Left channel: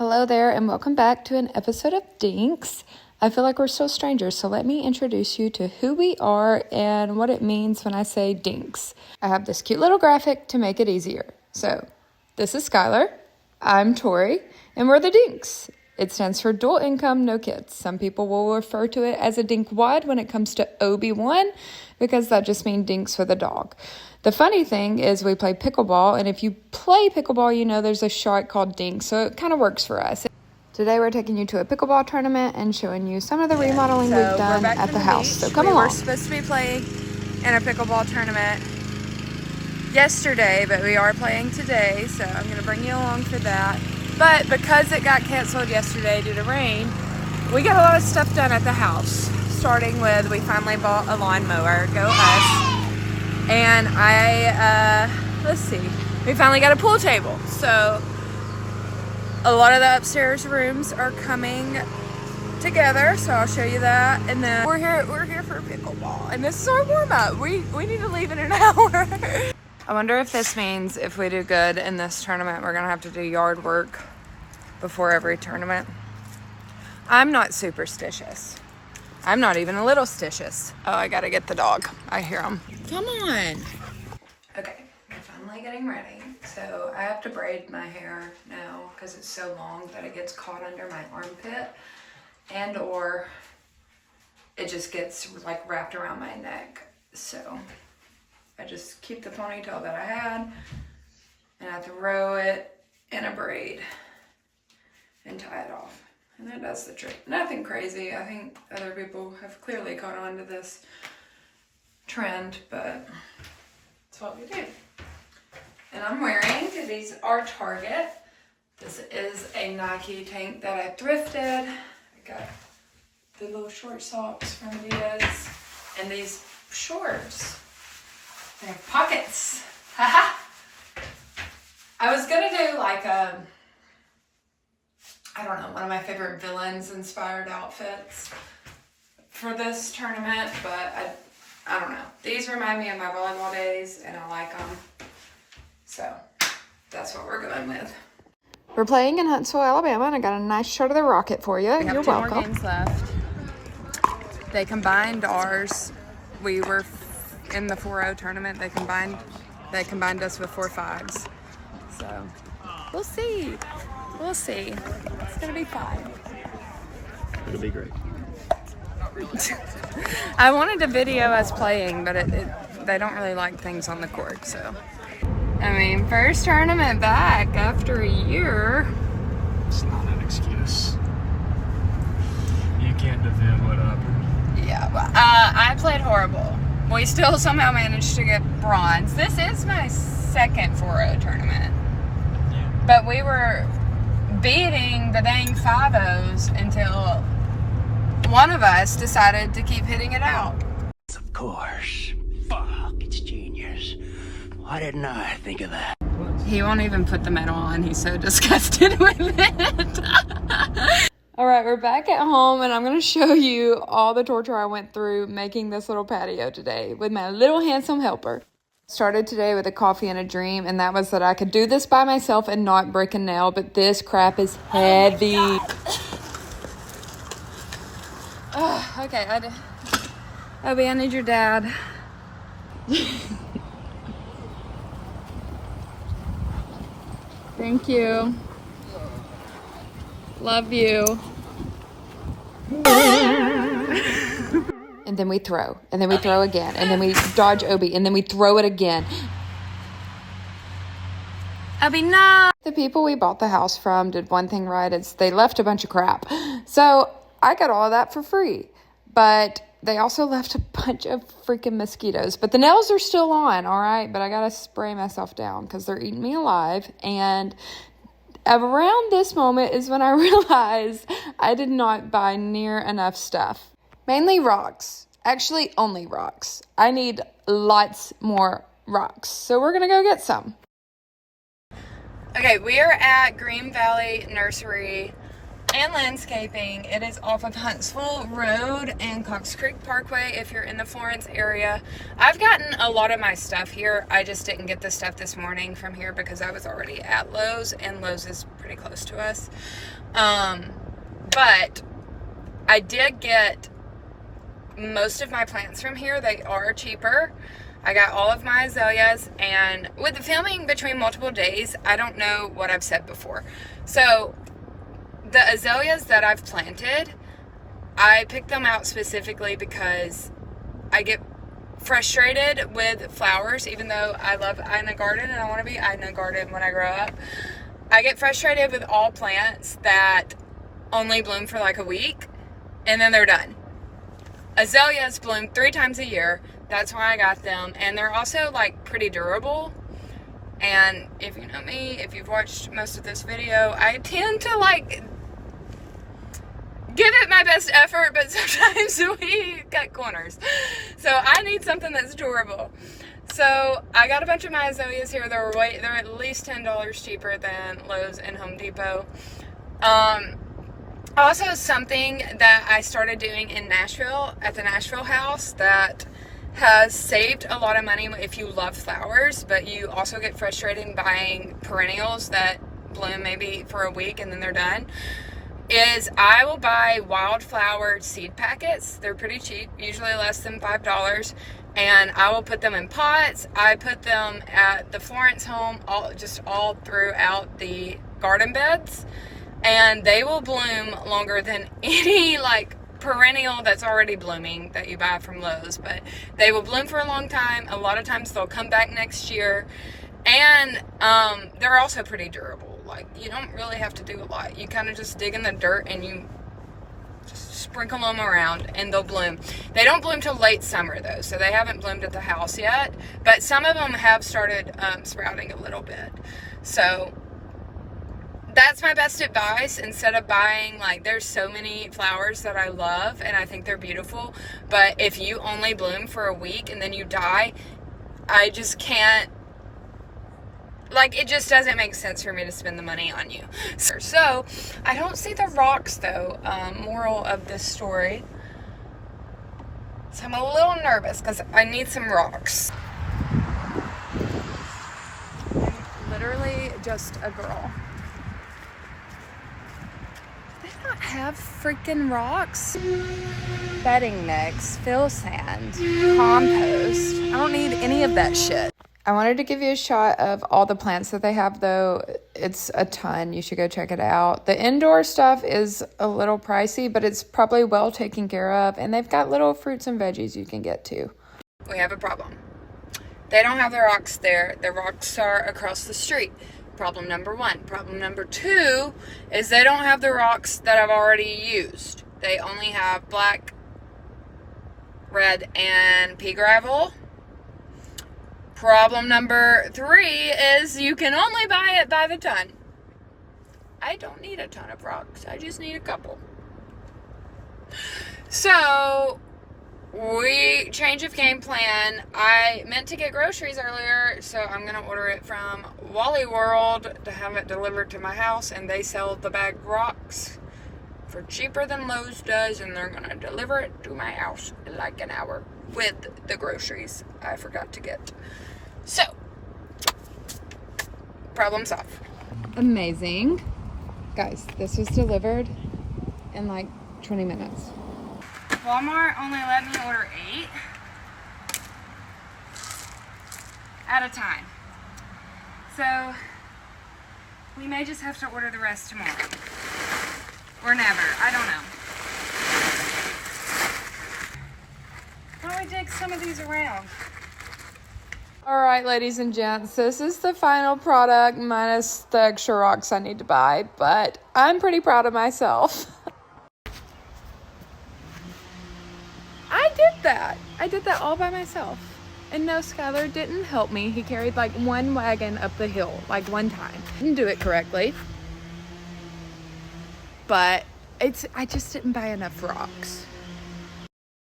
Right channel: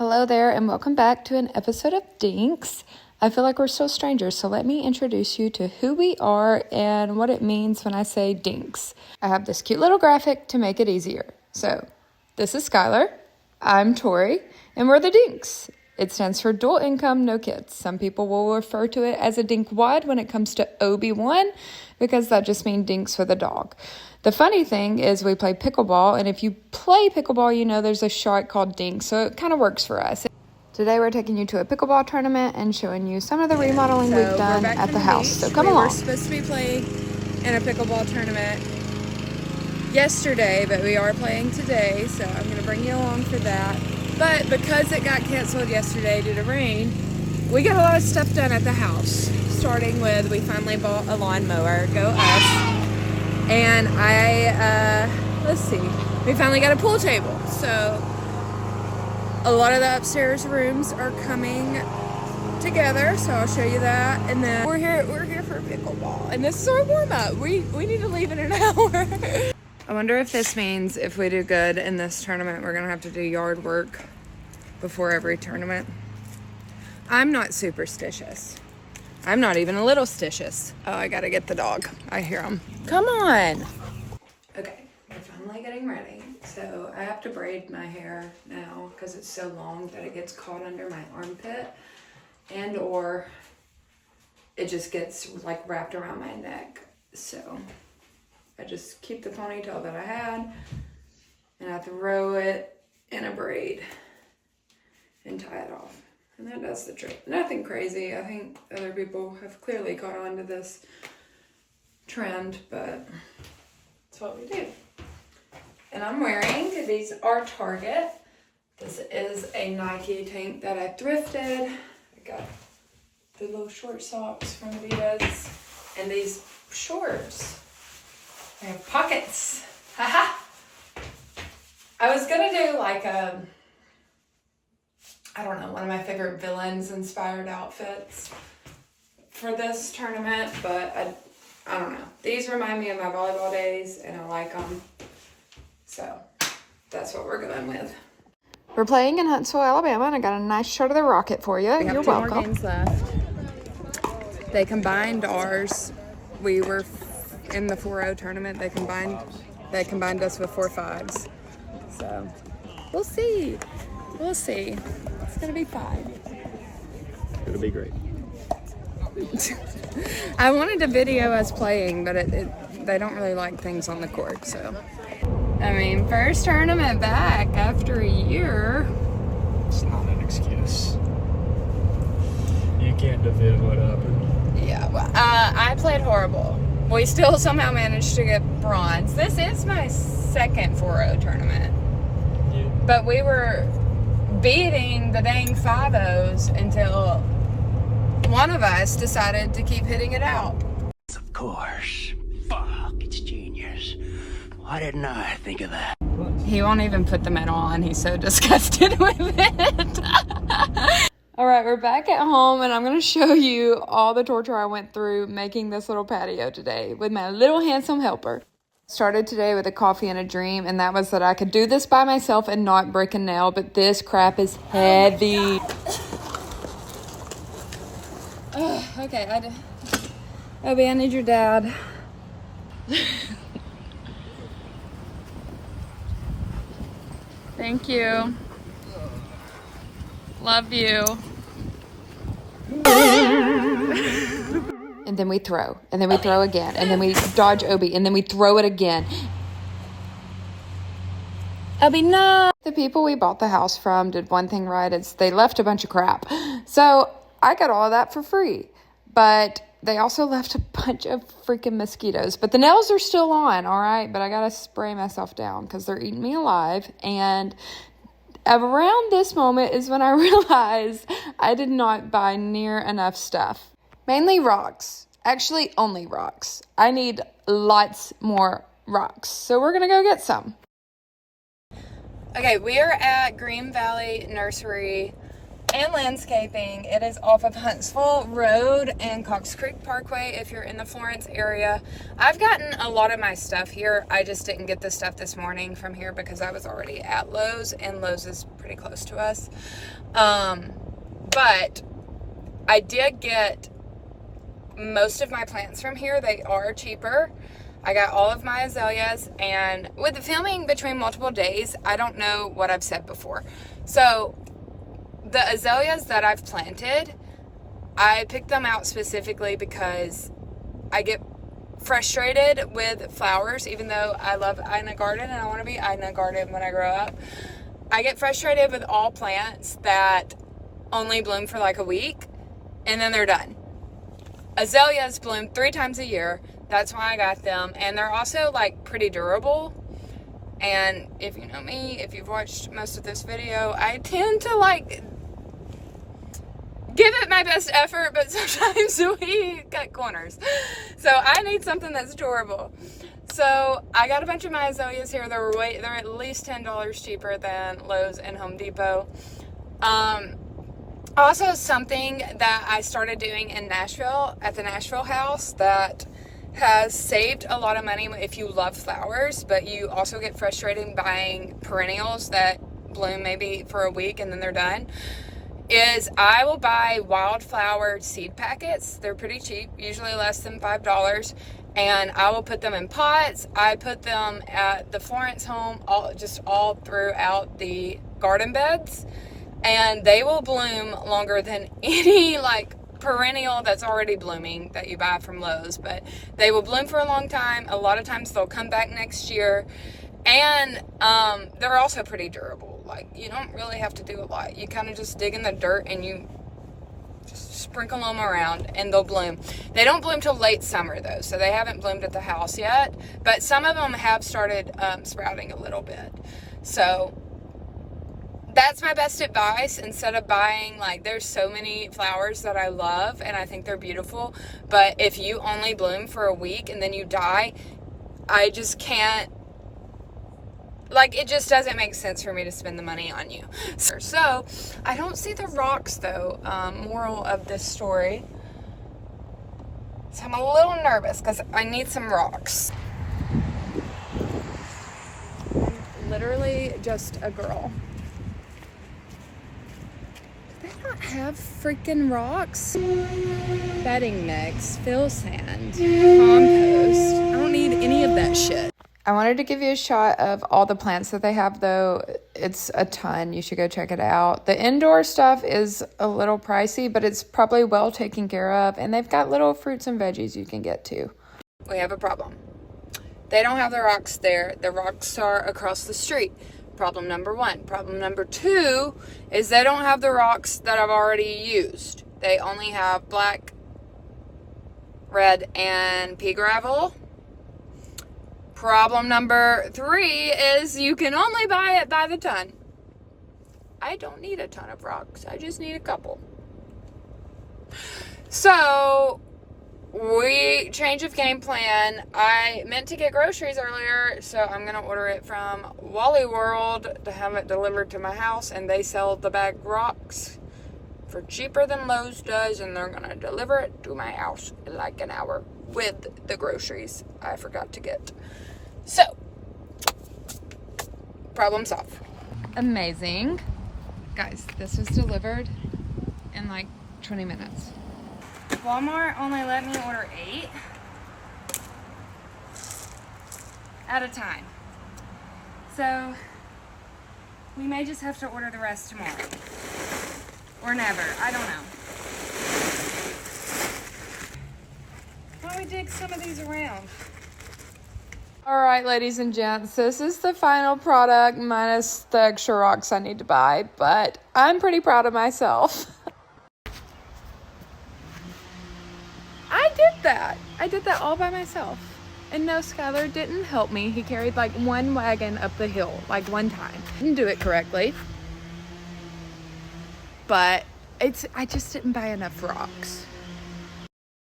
Hello there and welcome back to an episode of Dinks. I feel like we're still strangers, so let me introduce you to who we are and what it means when I say Dinks. I have this cute little graphic to make it easier. So, this is Skylar, I'm Tori, and we're the Dinks. It stands for dual income, no kids. Some people will refer to it as a dinkwad when it comes to OB1 because that just means dinks with a dog. The funny thing is we play pickleball, and if you play pickleball, you know there's a shot called dinks, so it kind of works for us. Today we're taking you to a pickleball tournament and showing you some of the remodeling we've done at the house, so come along. We're supposed to be playing in a pickleball tournament yesterday, but we are playing today, so I'm going to bring you along for that. But because it got canceled yesterday due to rain, we got a lot of stuff done at the house. Starting with, we finally bought a lawnmower, go us. And we finally got a pool table. So a lot of the upstairs rooms are coming together, so I'll show you that. And then we're here for pickleball. And this is our warm up. We need to leave in an hour. I wonder if this means if we do good in this tournament, we're gonna have to do yard work before every tournament. I'm not superstitious. I'm not even a little stitious. Oh, I gotta get the dog. I hear him. Come on. Okay, we're finally getting ready. So I have to braid my hair now because it's so long that it gets caught under my armpit and or it just gets like wrapped around my neck. So I just keep the ponytail that I had and I throw it in a braid and tie it off. And that does the trick. Nothing crazy. I think other people have clearly caught on to this trend, but that's what we do. And I'm wearing, these are Target. This is a Nike tank that I thrifted. I got the little short socks from Adidas and these shorts. They have pockets. Haha. I was gonna do like I don't know, one of my favorite villains inspired outfits for this tournament, but I don't know. These remind me of my volleyball days and I like them. So that's what we're going with. We're playing in Huntsville, Alabama, and I got a nice shot of the Rocket for you. You're welcome. More games left. They combined ours. We were in the 4-0 tournament. They combined us with 4-5s. So we'll see. We'll see. It's gonna be fine. It'll be great. I wanted to video us playing, but they don't really like things on the court, so. I mean, first tournament back after a year. It's not an excuse. You can't defend what happened. Yeah, well, I played horrible. We still somehow managed to get bronze. This is my second 4-0 tournament. But we were beating the dang 5-0s until one of us decided to keep hitting it out. Of course. Fuck, it's genius. Why didn't I think of that? He won't even put the medal on. He's so disgusted with it. All right, we're back at home, and I'm going to show you all the torture I went through making this little patio today with my little handsome helper. Started today with a coffee and a dream, and that was that I could do this by myself and not break a nail, but this crap is heavy. Okay, Obi, I need your dad. Thank you. Love you. And then we throw, and then we throw again, and then we dodge Obi, and then we throw it again. Obi, no! The people we bought the house from did one thing right, it's they left a bunch of crap. So I got all of that for free, but they also left a bunch of freaking mosquitoes. But the nails are still on, all right? But I got to spray myself down because they're eating me alive. And around this moment is when I realized I did not buy near enough stuff. Mainly rocks. Actually, only rocks. I need lots more rocks. So we're going to go get some. Okay, we are at Green Valley Nursery and Landscaping. It is off of Huntsville Road and Cox Creek Parkway if you're in the Florence area. I've gotten a lot of my stuff here. I just didn't get the stuff this morning from here because I was already at Lowe's, and Lowe's is pretty close to us. But I did get most of my plants from here. They are cheaper. I got all of my azaleas, and with the filming between multiple days, I don't know what I've said before. So the azaleas that I've planted, I picked them out specifically because I get frustrated with flowers, even though I love Ina Garden and I want to be Ina Garden when I grow up. I get frustrated with all plants that only bloom for like a week and then they're done. Azaleas bloom 3 times a year. That's why I got them. And they're also like pretty durable. And if you know me, if you've watched most of this video, I tend to like give it my best effort, but sometimes we cut corners. So I need something that's durable. So I got a bunch of my azaleas here. They're at least $10 cheaper than Lowe's and Home Depot. Also, something that I started doing in Nashville at the Nashville house that has saved a lot of money if you love flowers, but you also get frustrated buying perennials that bloom maybe for a week and then they're done, is I will buy wildflower seed packets. They're pretty cheap, usually less than $5, and I will put them in pots. I put them at the Florence home, all throughout the garden beds, and they will bloom longer than any like perennial that's already blooming that you buy from Lowe's. But they will bloom for a long time. A lot of times they'll come back next year, and they're also pretty durable. Like, you don't really have to do a lot. You kind of just dig in the dirt and you just sprinkle them around and they'll bloom. They don't bloom till late summer though, so they haven't bloomed at the house yet, but some of them have started sprouting a little bit. So that's my best advice. Instead of buying, like, there's so many flowers that I love and I think they're beautiful, but if you only bloom for a week and then you die, I just can't, like, it just doesn't make sense for me to spend the money on you. So I don't see the rocks though. Moral of this story, so I'm a little nervous because I need some rocks. I'm literally just a girl. They don't have freaking rocks. Bedding mix, fill sand, compost. I don't need any of that shit. I wanted to give you a shot of all the plants that they have, though. It's a ton. You should go check it out. The indoor stuff is a little pricey, but it's probably well taken care of, and they've got little fruits and veggies you can get too. We have a problem. They don't have the rocks there. The rocks are across the street. Problem number 1. Problem number 2 is they don't have the rocks that I've already used. They only have black, red, and pea gravel. Problem number 3 is you can only buy it by the ton. I don't need a ton of rocks. I just need a couple. So, change of game plan. I meant to get groceries earlier, so I'm going to order it from Wally World to have it delivered to my house, and they sell the bagged rocks for cheaper than Lowe's does, and they're going to deliver it to my house in like an hour with the groceries I forgot to get. So, problem solved. Amazing. Guys, this was delivered in like 20 minutes. Walmart only let me order 8 at a time. So, we may just have to order the rest tomorrow. Or never. I don't know. Why don't we dig some of these around? All right, ladies and gents, this is the final product minus the extra rocks I need to buy, but I'm pretty proud of myself. I did that all by myself. And no, Skylar didn't help me. He carried like one wagon up the hill, like one time. Didn't do it correctly. But I just didn't buy enough rocks.